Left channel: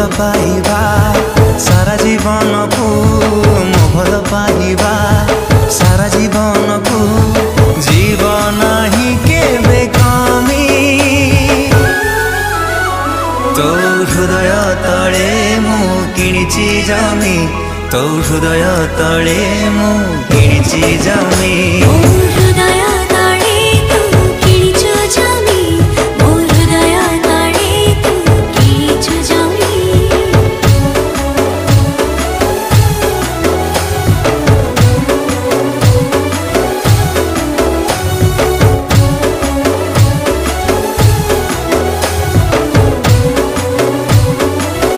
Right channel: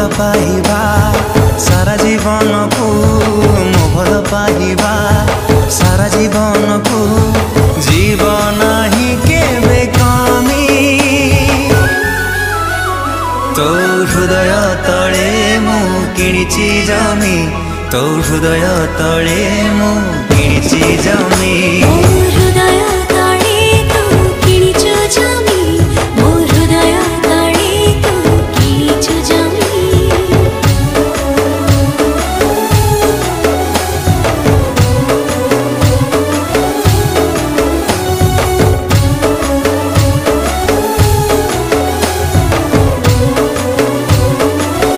भल पाइबा सारा जीवन को मो भल पाइबा सारा जीवन को जीवन ही केबे कमी तो हृदय तले मु किणिची जमी तो हृदय तले मु किणिची जमी हृदय तले